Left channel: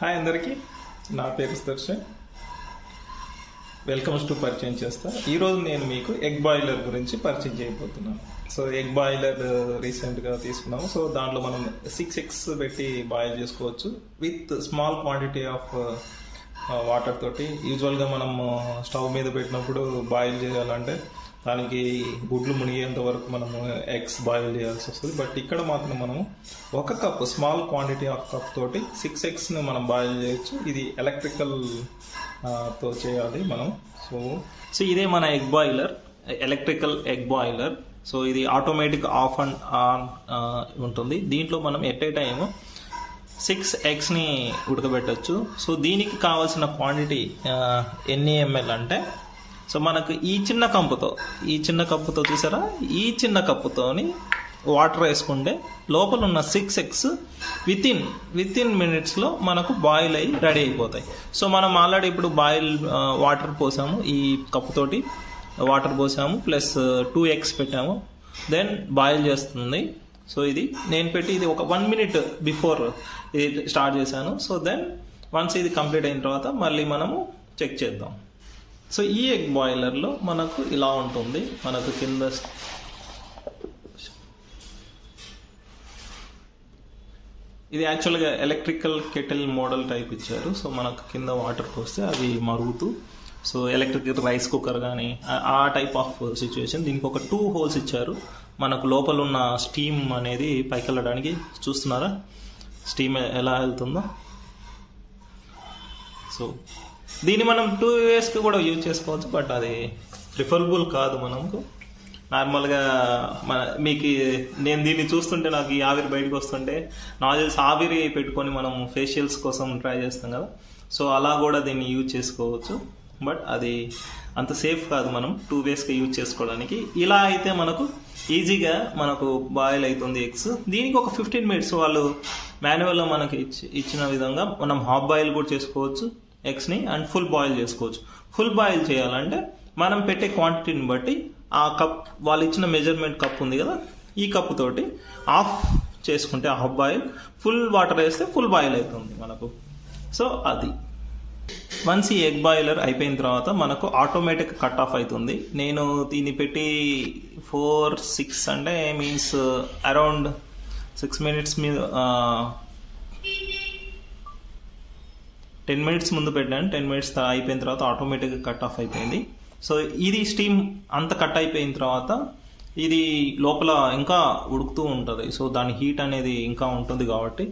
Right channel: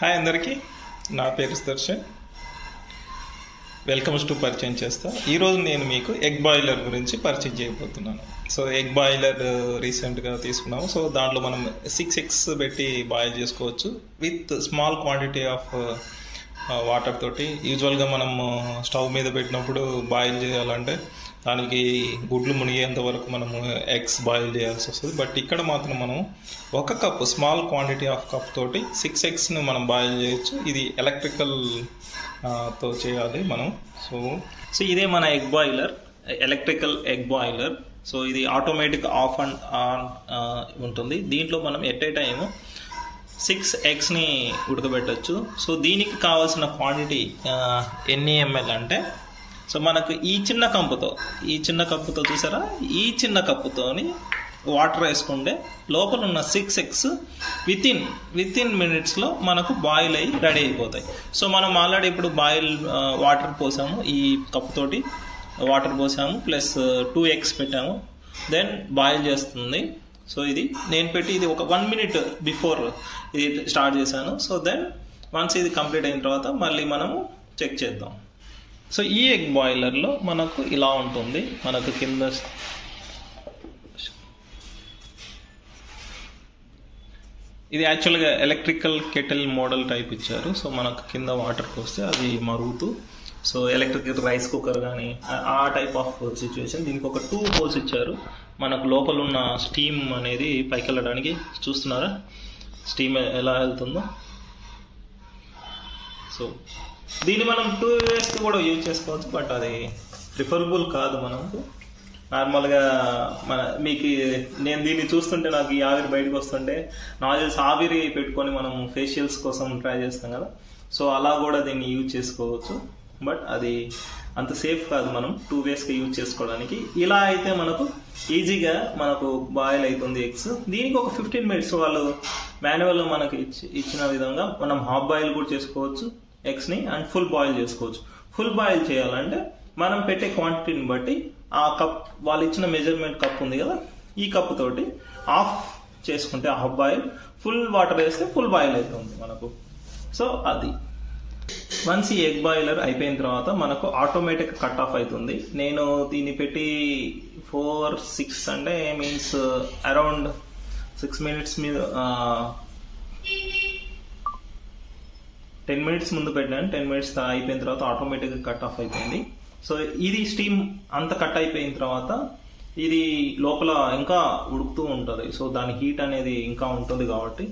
Hi అందరికీ, నా పేరు దర్శన్. వెల్కమ్స్ టు పరిచయం చేస్తా. ఈరోజు నేను మీకు ఎగ్ బాయిలర్ గురించి పరిచయం చేయబోతున్నాను. సో ఎగ్ బాయిలర్ రీసెంట్గా తీసుకున్నాము. సో దాంట్లో మనం 6 eggs పెట్టి బాయిల్ చేసుకోవచ్చు with small quantity of water తోటి. యూజువల్గా మనం స్టవ్ మీద పెట్టినప్పుడు బాయిల్ చేయాలంటే దానికి గుడ్లు మునిగేంత వరకు మనము ఎగ్స్ బాయిల్ చేయాల్సి వస్తుంది. బట్ ఇక్కడ మాత్రం మనం 1 cup small quantity of cup తోటి 6 eggsని మనం బాయిల్ చేయొచ్చు. ఇది ఎలక్ట్రికల్ తో చేయాలి మనం. సో ఇదే మన egg boiler, electrical egg boiler. So ఇది ఆటోమేటిక్ ఆఫ్ అండ్ ఆన్ ఉంటుంది. దీంట్లో మనం ఎట్ ఏ టైము 6 eggsని ఉడకబెట్టచ్చు. సో దీనికి కావాల్సిన క్వాంటిటీ ఎన్ని ml అంటే, సో మనకు ఈ చిన్న కప్పుతో చూసారా, ఈ చిన్న కప్పుతోని వాటర్ వేసుకుంటే లోపల ఉన్న 6 eggs విత్ ఇన్ మినిట్స్లో మనకు బాయిల్ అయ్యి రెడీ అయిపోతాయి. సో మనం ఆల్రెడీ ఇప్పుడు బాయిల్ వాటర్ పోసాము, ఈ కప్పుతోటి వాటర్ పోసాము, ప్లస్ 2 eggs పెట్టాము, దెన్ బాయిల్ చేస్తుంది. సో ఇది నేను పెట్టి ఇది ఒక 1 minute బిఫోర్ ఇది స్టార్ట్ చేశాను. సో దెన్ వన్స్ ఇది కంప్లీట్ అయిన తర్వాత మళ్ళీ మనము చెక్ చేద్దాం. సో ఈ ఎగ్ బాయిలర్లో మనకు ఇలా ఉంటుంది. మనకు కింద ఇది యాక్చువల్గా ఎలక్ట్రికల్ కెటిల్ మోడల్ టైప్ ఇచ్చారు. సో మనకు కింద వాటర్ పోస్తే అది మరుగుతూ, సో ఎలక్ట్రికల్ రైస్ కుక్కర్ కానీ ఆ టైప్ ఆఫ్ సిచ్యువేషన్. దీనికి ఒక 2 holes ఇచ్చారు. మనకు లోపల ఉన్న స్టీమ్ అనేది పైకి వెళ్ళడానికి. చూస్తున్నారా స్టీమ్ ఎలా వెళ్తుందో. సో దీన్ని మనం 2 ways కూడా యూజ్ చేసుకోవచ్చు, బట్ అది ప్రిఫరబుల్ కాదు మనకు. నార్మల్గా మీకు నేను దీన్ని చూస్తుంటే నాకు ఈ ఆవిరి బయటకు వస్తుంటే నాకు తెలిసి ఆవిరి పెట్టుకొని మనం ఫేషియల్స్ కోసం ట్రై చేస్తాం కదా, సో అలా కూడా దీన్ని యూజ్ చేసుకోవచ్చు. బట్ అది అంత సేఫ్ కాదు మనం 2 waysగా యూజ్ చేసుకోవడానికి. ఇలా అయితే మనకు ఈజీగా మనకు బాయిల్ అవుతుంది ఎగ్స్. దీనికి ఒక 15 minutes వాళ్ళు మాన్యువల్లో మనకి ఇచ్చిన విధంగా మనం హాఫ్ బాయిల్ కూడా చేసుకోవచ్చు ఎగ్స్ని, అండ్ ఫుల్ బాయిల్ చేసుకోవచ్చు. ఫుల్ బాయిల్ చేయాలంటే మనం పెట్టే క్వాంటిటీని బట్టి ఆ కప్, వాళ్ళు ఇచ్చిన మెజర్మెంట్ కప్ ఉంది కదా, ఈ కప్ తోటి ఆఫ్ చేసుకుంటే హాఫ్ బాయిల్, ఫుల్ వాటర్ వేస్తే ఫుల్ బాయిల్ అవుతుంది మనకు. సో అది వన్స్ ఈ ఎగ్ బాయిలర్ అయిపోయిన తర్వాత మనకు ఆటోమేటిక్ కట్ ఆఫ్ అవుతుంది. నేను దీన్ని పెట్టి 4-6 అంటే మీన్స్ అరౌండ్ 6 minutes మీద 10 minutes ముందు పెట్టాను. 10 minutes అయిపోయిన తర్వాత ఆటోమేటిక్గా కట్ ఆఫ్ అయిపోయింది. సో ఇది స్టీమ్ అంత కట్ అయిపోయిన తర్వాత ఇది లోపల ఇంకా ఉడుకుతూ ఉంటుంది. సో దాని హీట్ అనేది ఇంకా ఉంటుంది కాబట్టి